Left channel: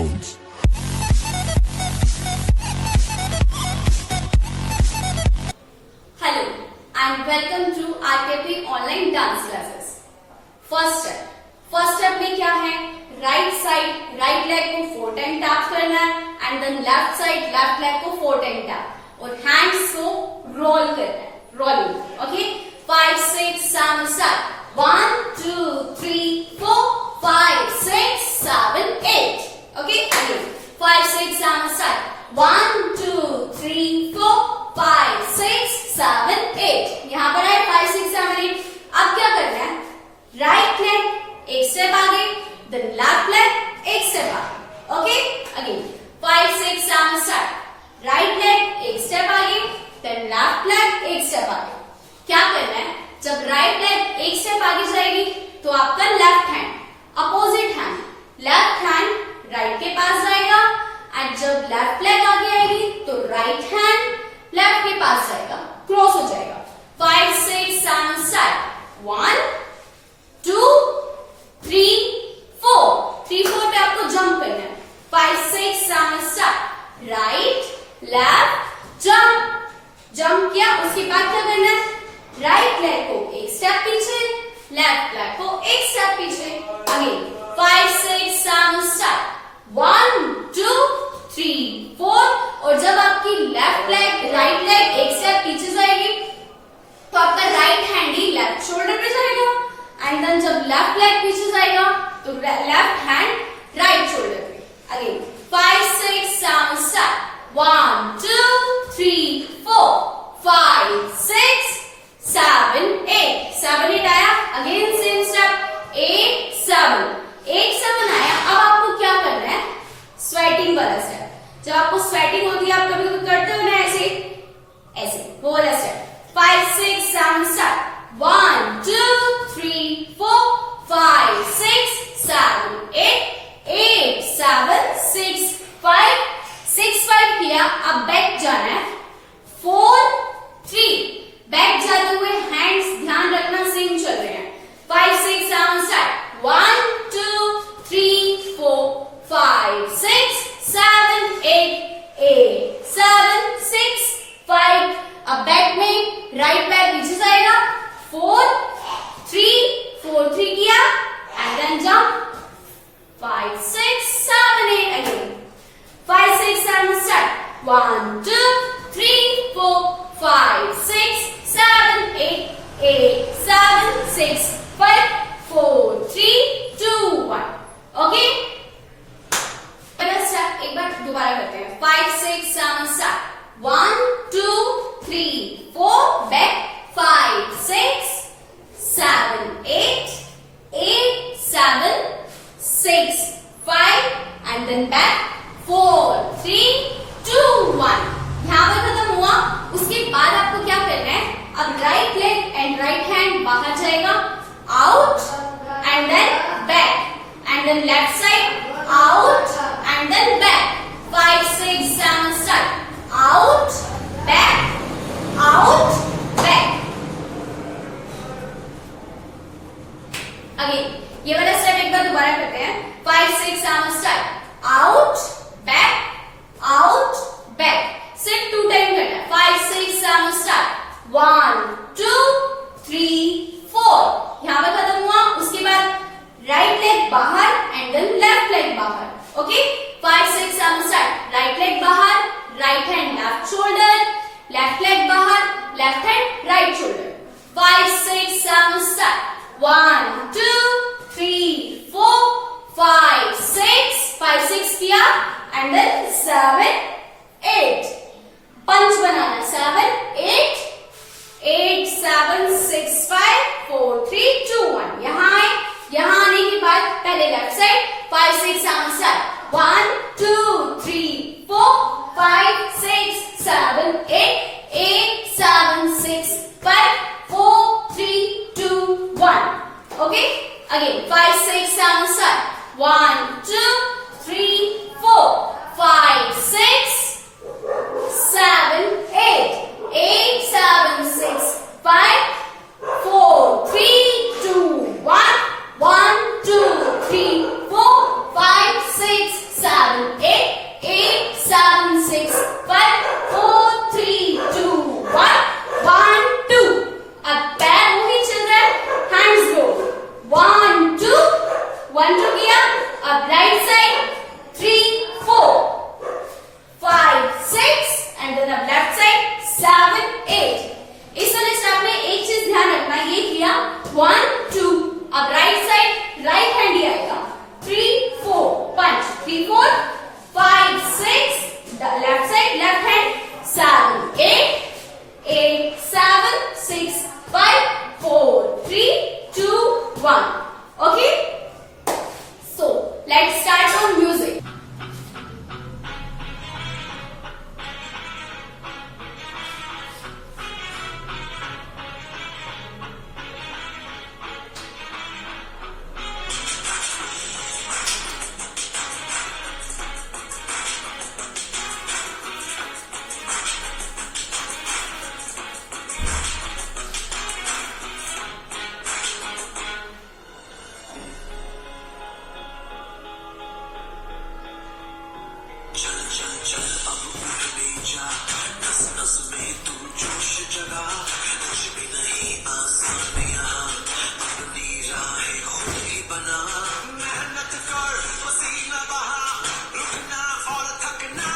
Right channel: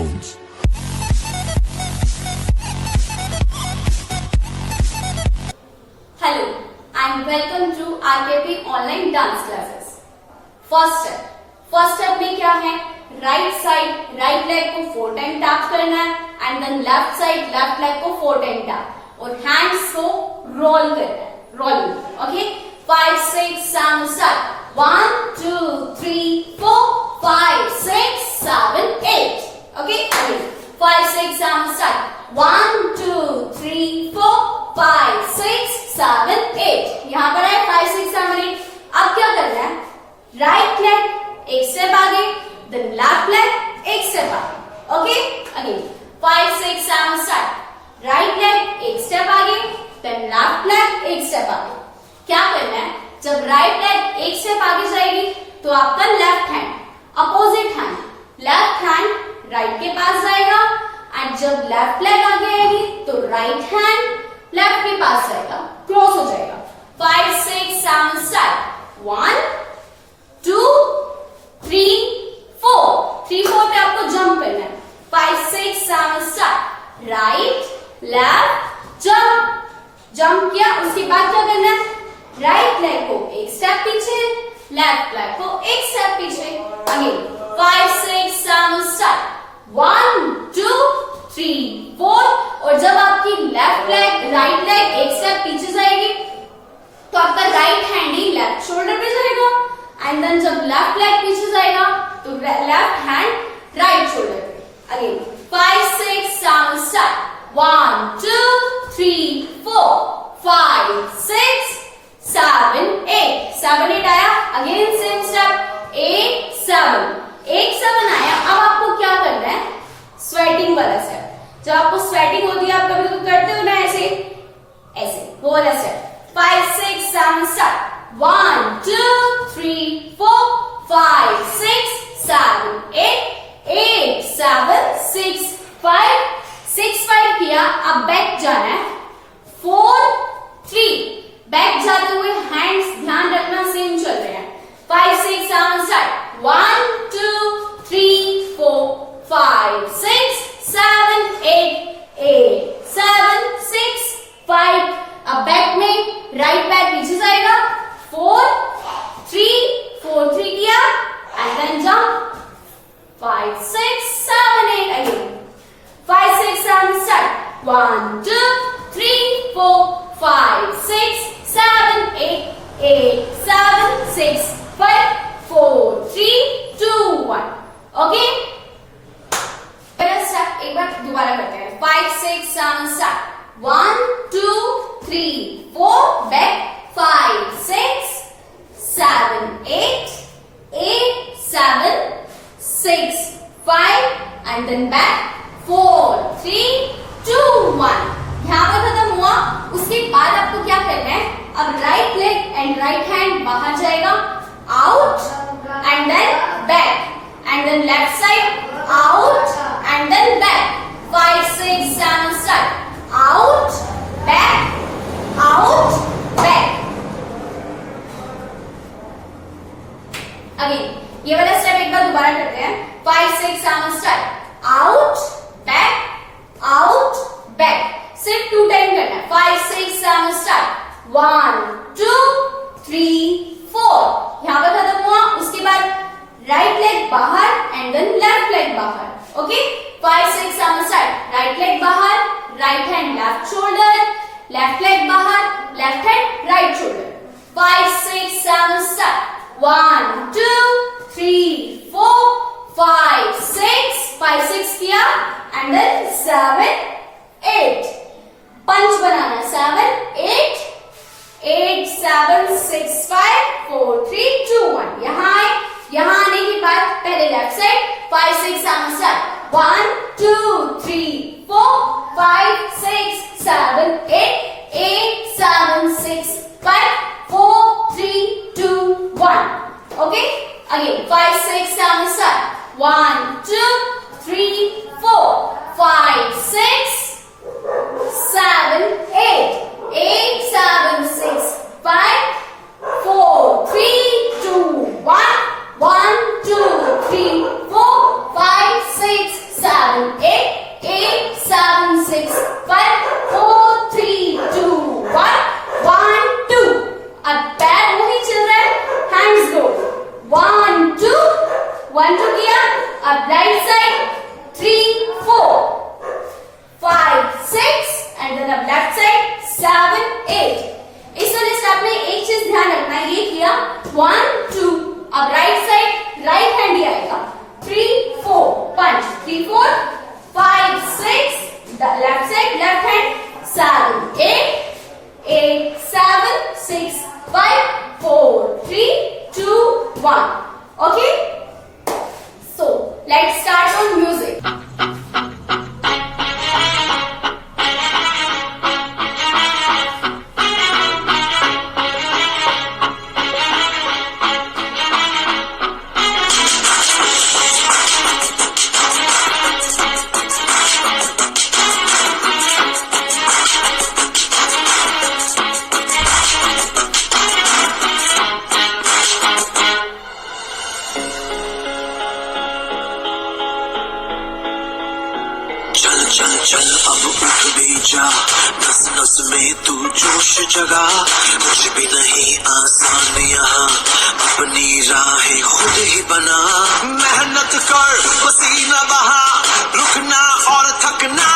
sounds. Hello and welcome to RKP online dance classes. First step में क्या है? Right side right leg को 4 time tap करना है and then left side left leg को 4 time tap और hands को रोल करना है. Rolling. Okay, 5 6 7 start. 1 2 3 4 5 6 7 8. Okay, again 5 6 7 start. 1 2 3 4 5 6 7 8. यहाँ पर है 5 6 7 8. अब क्या करना है? राइट लेग एक स्टेप आगे, देन लेफ्ट लेग एक स्टेप आगे. Okay, again 5 6 7 start. Right leg एक स्टेप आगे, देन लेफ्ट लेग एक स्टेप आगे. क्या करना है? जब राइट लेग एक स्टेप आगे जाएगी तो आपका left hand opposite hand left hand right के पास जाएगा एंड जब लेफ्ट लेग आगे आएगी तो राइट हैंड लेफ्ट के पास जाएगा, क्रॉस हो जाएगा. 5 6 7 start. 1 2 3 4. 3 4 पे आपको जंप करना है. 5 6 7 start. Right left jump. Jump किया, उसके बाद क्या करना है? राइट लेग को एक स्टेप पीछे, लेफ्ट लेग को एक स्टेप पीछे. Again 5 6 7 start. 1 2 3 4. और जब आपकी लेफ्ट लेग राइट लेग एक स्टेप पीछे जाएगी तो आपका राइट हैंड ही लेफ्ट शोल्डर पे जाएगा एंड देन जब लेफ्ट लेग पीछे जाएगा तो लेफ्ट हैंड राइट शोल्डर पे. Again 5 6 7 start. 1 2 3 4 5 6 7 8. 7 8 आया. अगेन सेम स्टेप 8 7 आया. अब आपको क्या करना है? स्वेटिंग वाला स्टेप. जब आपको स्वेटिंग होती है, आप कभी कभी करते हो ना ऐसे वो वाला स्टेप. 5 6 7 start. 1 2 3 4 5 6 7 8 8 7 6 5 6 5 किया. अब बैक जाना है. 4 3. बैक जाते हुए हैंड्स ध्यान रखना सेम चल रहे हैं. 5 6 7 start. 1 2 3 4 5 6 7 8 8 7 6 5. अब बैक में राइट बैक पीछे जाएगा. 4 3 4 3 किया and then jump. 5 6 7 8 again. 5 6 7 start. 1 2 3 4 5 6 7 8 8 7 6 5 4 3 2 1. Okay, step एक बार दोबारा करते हैं. 5 6 7 start. 1 2 3 4 back. 5 6 7 8 8 7 6 5 and then back. 4 3 2 1. यहाँ पे खत्म हुआ. उसके बाद आपको क्या करना है? अब right leg and right hand बाहर जाएगा, out and then back and then left side out and then back. 5 6 7 start. Out back back. Again ये वाला स्टेप एक बार दोबारा करते हैं. 5 6 7 start. Out back. सिर्फ 2 टाइम करना है. 5 6 7 start. 1 2 3 4. यहां पर खत्म हुआ. उसके बाद राइट लेग बाहर एंड देन लेफ्ट लेग बाहर. Okay, 5 6 7 start. राइट लेग बाहर, right hand left shoulder, left leg बाहर, left hand right shoulder. 5 6 7 start. 1 2 3 4 5 6 5 6 किया एंड देन 7 8. पंच बनाना. 7 8 8 7 6 5 4 3 2 1. यहाँ आए. यहाँ आने के बाद पहले left side. 5 6 7 start. 1 2 3 4 5 6 7 8 8 7 6 5 4 3 2 1. Okay, again 5 6 7 start. 1 2 3 4 5 6 7 8 8 7 6 5 4 3 2 1. 1 2 3 4 5 6 7 1 2 किया, अब राइट साइड 3 4 5 6 एंड देन अब लेफ्ट साइड 7 8। इस वाले स्टेप में एक चीज ध्यान रखना, ये किया 1 2, अब राइट साइड राइट हैंड ही आएगा 3 4 पंच 3 4 5 6, left side left hand 7 8 8 7 6 5 4 3 2 1। Okay, so let's start on music. चल चल चल अब उठ भी जा, नस नस में तू जोश जगा। कुछ भी नहीं आसान यहाँ, अपनी राहें खुद ही बना। मेहनत कर पसीना बहा, रुकना और थकना